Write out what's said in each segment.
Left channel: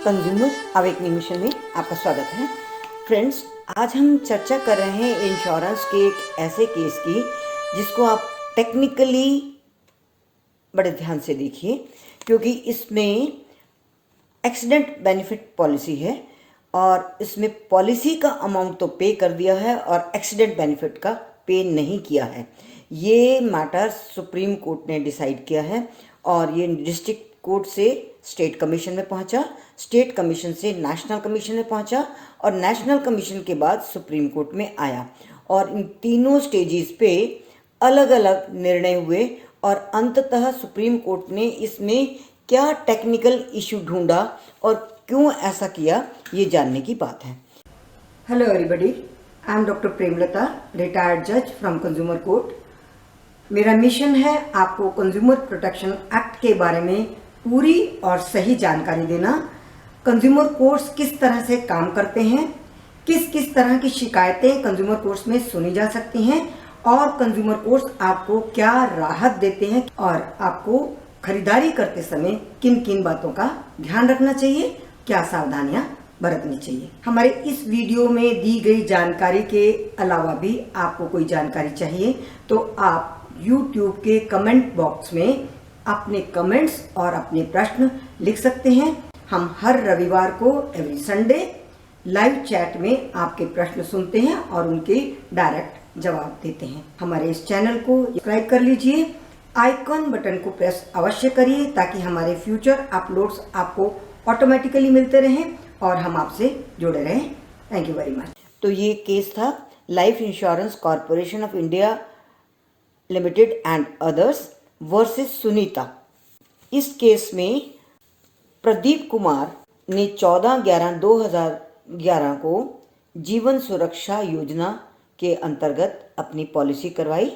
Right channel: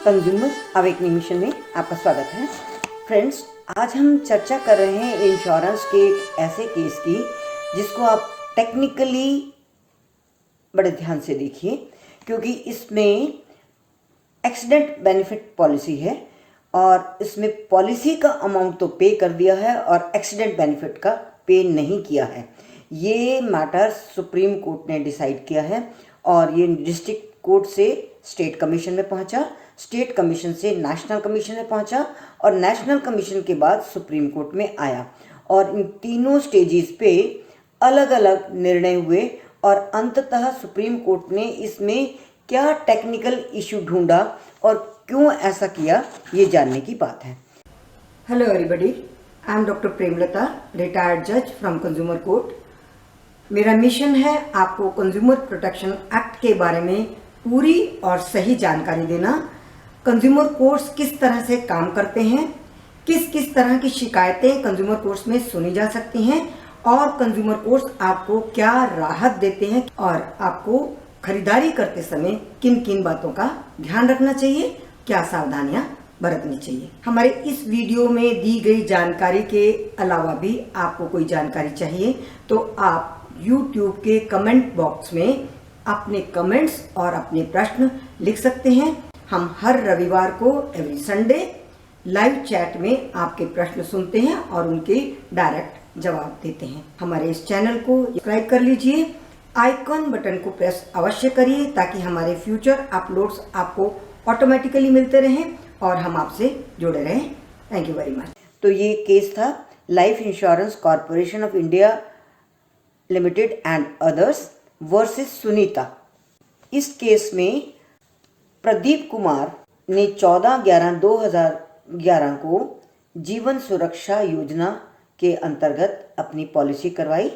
Consumer awakening mission में आपका स्वागत है। फ्रेंड्स, आज हम चर्चा कर रहे हैं इंश्योरेंस के एक ऐसे केस की जिसको आप टेक्निकली बड़े ध्यान से देखिए, क्योंकि इसमें एक्सीडेंट बेनिफिट पॉलिसी है और इसमें पॉलिसी का अमाउंट तो पे कर दिया है और एक्सीडेंट बेनिफिट का पे नहीं किया है। ये मैटर सुप्रीम कोर्ट ने डिसाइड किया है और ये डिस्ट्रिक्ट कोर्ट से स्टेट कमीशन में पहुंचा, स्टेट कमीशन से नेशनल कमीशन में पहुंचा और नेशनल कमीशन के बाद सुप्रीम कोर्ट में आया और इन तीनों स्टेजेस पे अलग अलग निर्णय हुए और अंततः सुप्रीम कोर्ट ने इसमें क्या टेक्निकल इशू ढूंढा और क्यों ऐसा किया, ये जानने की बात है। Hello everybody, I am doctor Premlata, retired जज फ्रॉम कंज्यूमर कोर्ट। मेरा मिशन है आपको कंज्यूमर प्रोटेक्शन एक्ट के बारे में पूरी और सही जानकारी देना। कंज्यूमर कोर्ट्स किस तरह से काम करते हैं, किस किस तरह की शिकायतें कंज्यूमर कोर्ट्स में सुनी जा सकती हैं और कंज्यूमर कोर्ट्स आपको क्या राहत देते हैं और आपको खरीदारी करते समय किन किन बातों का ध्यान रखना चाहिए, क्या सावधानियां बरतनी चाहिए। हमारे इस वीडियो में दी गई जानकारी के अलावा भी आपको कोई जानकारी चाहिए तो आप YouTube के कमेंट बॉक्स में अपने कमेंट्स और अपने प्रश्न लिख सकते हैं। हम हर रविवार को एवरी संडे लाइव चैट में आपके प्रश्न सुनते हैं और उनके डायरेक्ट जवाब देते हैं। हमारे इस चैनल को सब्सक्राइब कर लीजिए, आइकॉन बटन को प्रेस अवश्य करिए ताकि हमारे फ्यूचर अपलोड्स आपको ऑटोमेटिकली मिलते रहें और हम आपसे जुड़े रहें। Thank you very much. तो ये केस था life insurance corporation of India limited and others versus Sunita. इस केस में प्रदीप कुमार ने 14/11/2011 को जीवन सुरक्षा योजना के अंतर्गत अपनी पॉलिसी करवाई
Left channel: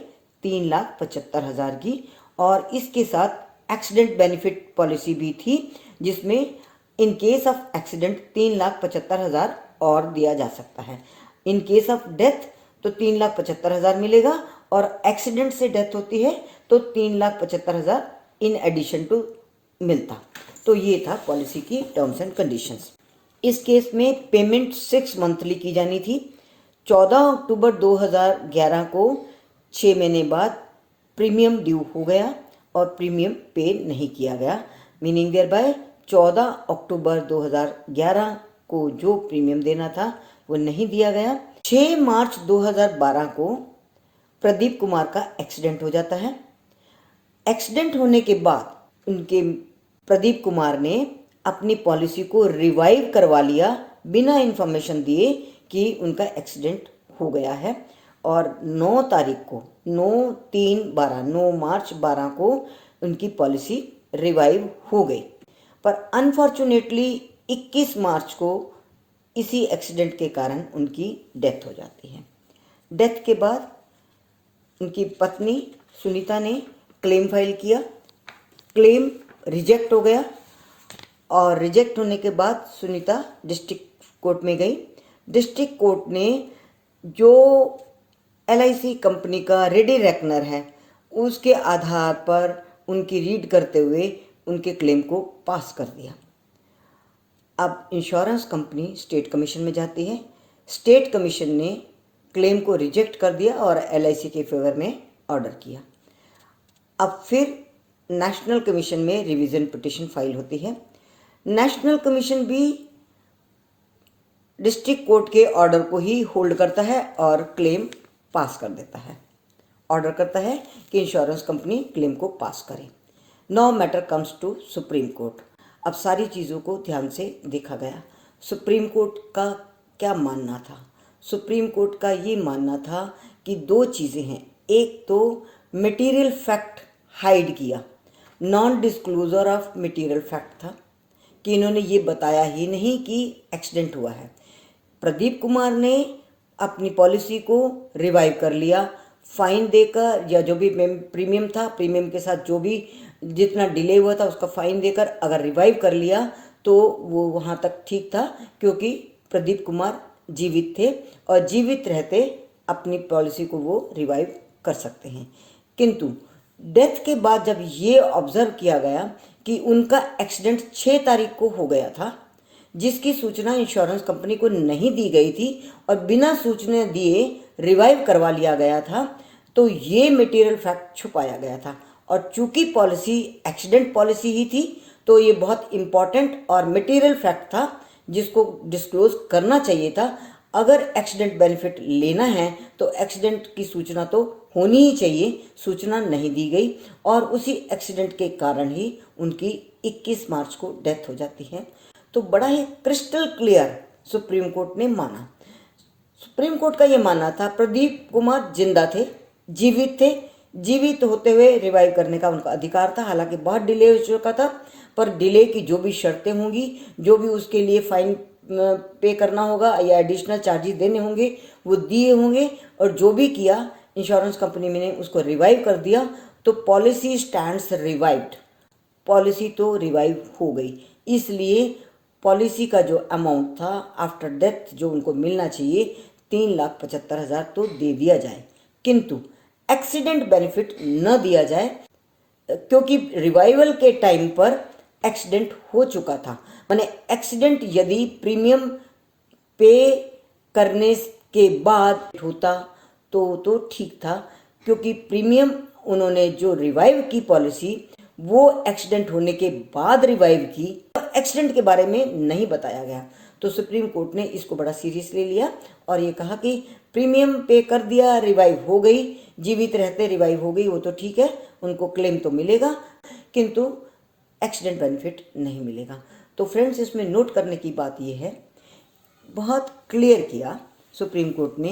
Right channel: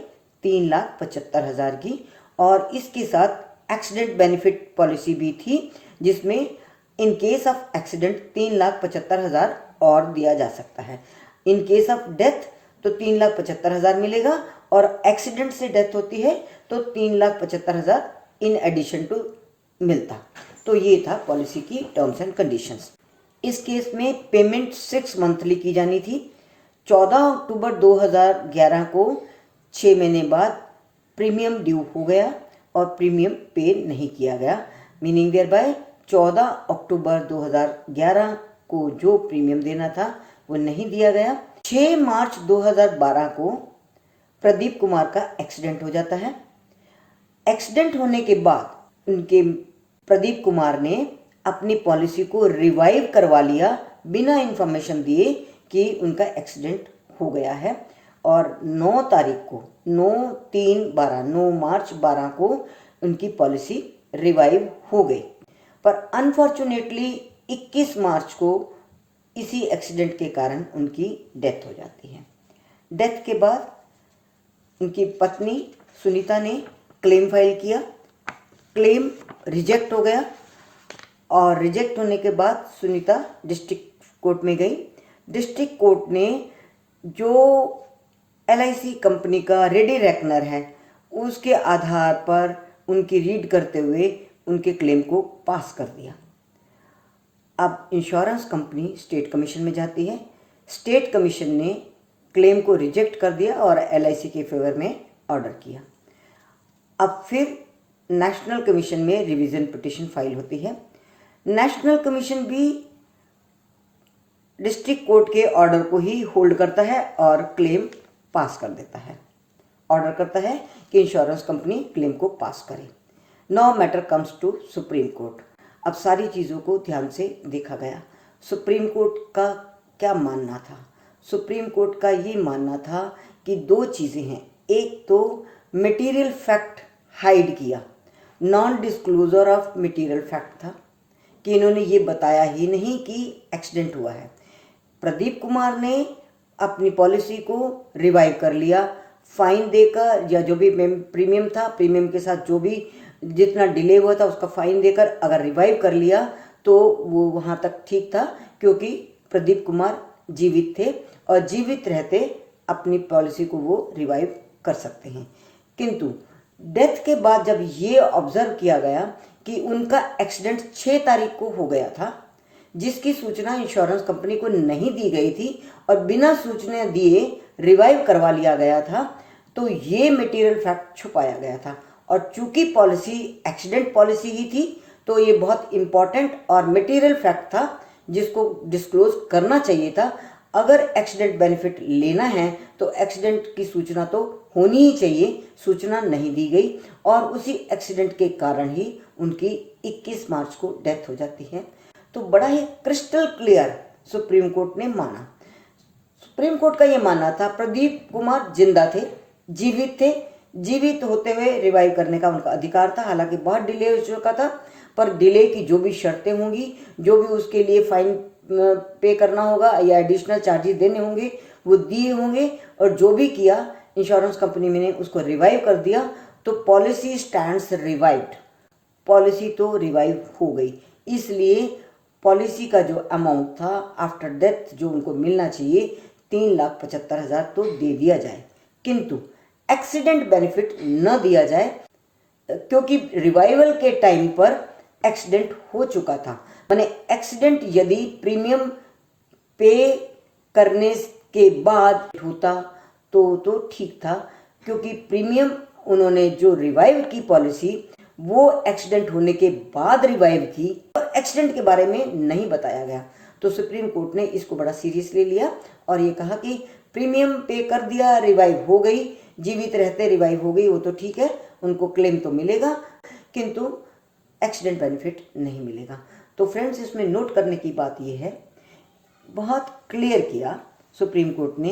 3,75,000 की और इसके साथ एक्सीडेंट बेनिफिट पॉलिसी भी थी जिसमें इन केस ऑफ एक्सीडेंट 3,75,000 और दिया जा सकता है। इन केस ऑफ डेथ तो 3,75,000 मिलेगा और एक्सीडेंट से डेथ होती है तो 3,75,000 इन एडिशन टू मिलता। तो ये था पॉलिसी की टर्म्स एंड कंडीशंस। इस केस में पेमेंट 6 मंथली की जानी थी। 14 अक्टूबर 2011 को 6 महीने बाद प्रीमियम ड्यू हो गया और प्रीमियम पे नहीं किया गया, मीनिंग देयर बाय 14 अक्टूबर 2011 को जो प्रीमियम देना था वो नहीं दिया गया। 6 मार्च 2012 को प्रदीप कुमार का एक्सीडेंट हो जाता है। एक्सीडेंट होने के बाद उनके प्रदीप कुमार ने अपनी पॉलिसी को रिवाइव करवा लिया बिना इंफॉर्मेशन दिए कि उनका एक्सीडेंट हो गया है और 9 तारीख को 9 मार्च 12 को उनकी पॉलिसी रिवाइव हो गई। पर अनफॉर्चुनेटली 21 मार्च को इसी एक्सीडेंट के कारण उनकी डेथ हो जाती है। डेथ के बाद उनकी पत्नी सुनीता ने क्लेम फाइल किया, क्लेम रिजेक्ट हो गया और रिजेक्ट होने के बाद सुनीता डिस्ट्रिक्ट कोर्ट में गई। डिस्ट्रिक्ट कोर्ट ने जो LIC कंपनी का रेडी रेकनर है उसके आधार पर उनकी रीड करते हुए उनके क्लेम को पास कर दिया। अब इंश्योरेंस कंपनी स्टेट कमीशन में जाती है। स्टेट कमीशन ने क्लेम को रिजेक्ट कर दिया और LIC के फेवर में ऑर्डर किया। अब फिर नेशनल कमीशन में रिवीजन पिटीशन फाइल होती है। नेशनल कमीशन भी डिस्ट्रिक्ट कोर्ट के ऑर्डर को ही होल्ड करता है और क्लेम पास कर देता है, ऑर्डर करता है कि इंश्योरेंस कंपनी क्लेम को पास करे। Now matter comes to Supreme Court. अब सारी चीज़ों को ध्यान से देखा गया। सुप्रीम कोर्ट का क्या मानना था? सुप्रीम कोर्ट का ये मानना था कि 2 चीज़ें हैं। एक तो मटेरियल फैक्ट हाइड किया, non disclosure of material fact था कि इन्होंने ये बताया ही नहीं कि एक्सीडेंट हुआ है। प्रदीप कुमार ने अपनी पॉलिसी को रिवाइव कर लिया, फाइन देकर या जो भी प्रीमियम था, प्रीमियम के साथ जो भी जितना डिले हुआ था उसका फाइन देकर अगर रिवाइव कर लिया तो वो वहाँ तक ठीक था, क्योंकि प्रदीप कुमार जीवित थे और जीवित रहते अपनी पॉलिसी को वो रिवाइव कर सकते हैं। किंतु डेथ के बाद जब ये ऑब्जर्व किया गया कि उनका एक्सीडेंट 6 तारीख को हो गया था, जिसकी सूचना इंश्योरेंस कंपनी को नहीं दी गई थी और बिना सूचना दिए रिवाइव करवा लिया गया था, तो ये मटेरियल फैक्ट छुपाया गया था। और चूंकि पॉलिसी एक्सीडेंट पॉलिसी ही थी, तो ये बहुत इम्पॉर्टेंट और मटेरियल फैक्ट था जिसको डिस्क्लोज करना चाहिए था। अगर एक्सीडेंट बेनिफिट लेना है तो एक्सीडेंट की सूचना तो होनी ही चाहिए, सूचना नहीं दी गई और उसी एक्सीडेंट के कारण ही उनकी 21 मार्च को डेथ हो जाती है। तो बड़ा ही क्रिस्टल क्लियर सुप्रीम कोर्ट ने माना। सुप्रीम कोर्ट का ये मानना था प्रदीप कुमार जिंदा थे, जीवित थे, जीवित होते हुए रिवाइव करने का उनका अधिकार था। हालांकि बहुत डिले हो चुका था, पर डिले की जो भी शर्तें होंगी, जो भी उसके लिए फाइन पे करना होगा या एडिशनल चार्जेस देने होंगे वो दिए होंगे, और जो भी किया इंश्योरेंस कंपनी ने उसको रिवाइव कर दिया। तो पॉलिसी स्टैंड्स रिवाइव्ड, पॉलिसी तो रिवाइव हो गई। इसलिए पॉलिसी का जो अमाउंट था आफ्टर डेथ जो उनको मिलना चाहिए 3,75,000 तो दे दिया जाए, किंतु एक्सीडेंट बेनिफिट न दिया जाए, क्योंकि रिवाइवल के टाइम पर एक्सीडेंट हो चुका था। माने एक्सीडेंट यदि प्रीमियम पे करने के बाद होता तो ठीक था, क्योंकि प्रीमियम उन्होंने जो रिवाइव की पॉलिसी वो एक्सीडेंट होने के बाद रिवाइव की, और एक्सीडेंट के बारे में नहीं बताया गया। तो सुप्रीम कोर्ट ने इसको बड़ा सीरियसली लिया और ये कहा कि प्रीमियम पे कर दिया, रिवाइव हो गई, जीवित रहते रिवाइव हो गई, वो तो ठीक है, उनको क्लेम तो मिलेगा, किंतु एक्सीडेंट बेनिफिट नहीं मिलेगा। तो फ्रेंड्स, इसमें नोट करने की बात यह है, बहुत क्लियर किया सुप्रीम कोर्ट ने,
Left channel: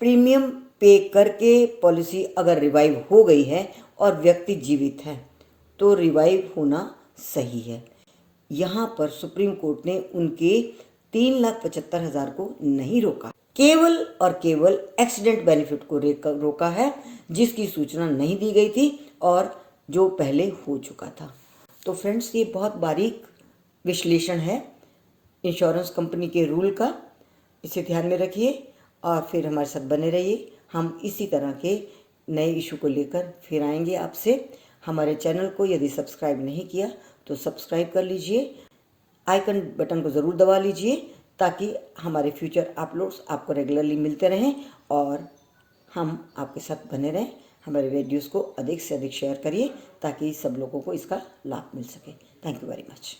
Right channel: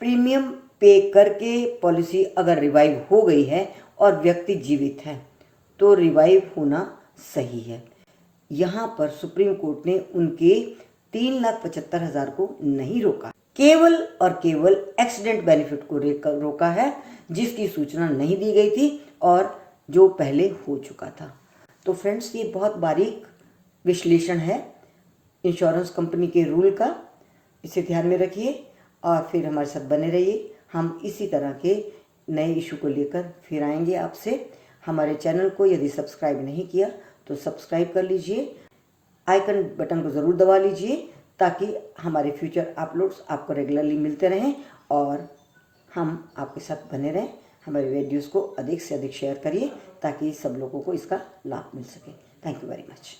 प्रीमियम पे करके पॉलिसी अगर रिवाइव हो गई है और व्यक्ति जीवित है तो रिवाइव होना सही है। यहाँ पर सुप्रीम कोर्ट ने उनके 3,75,000 को नहीं रोका, केवल और केवल एक्सीडेंट बेनिफिट को रोका है, जिसकी सूचना नहीं दी गई थी और जो पहले हो चुका था। तो फ्रेंड्स, ये बहुत बारीक विश्लेषण है इंश्योरेंस कंपनी के रूल का, इसे ध्यान में रखिए और फिर हमारे साथ बने रहिए। हम इसी तरह के नए इशू को लेकर फिर आएंगे आपसे। हमारे चैनल को यदि सब्सक्राइब नहीं किया तो सब्सक्राइब कर लीजिए, आइकन बटन को ज़रूर दबा लीजिए, ताकि हमारे फ्यूचर अपलोड्स आपको रेगुलरली मिलते रहें और हम आपके साथ बने रहें। हमारे वीडियोज़ को अधिक से अधिक शेयर करिए ताकि सब लोगों को इसका लाभ मिल सके। Thank you very much.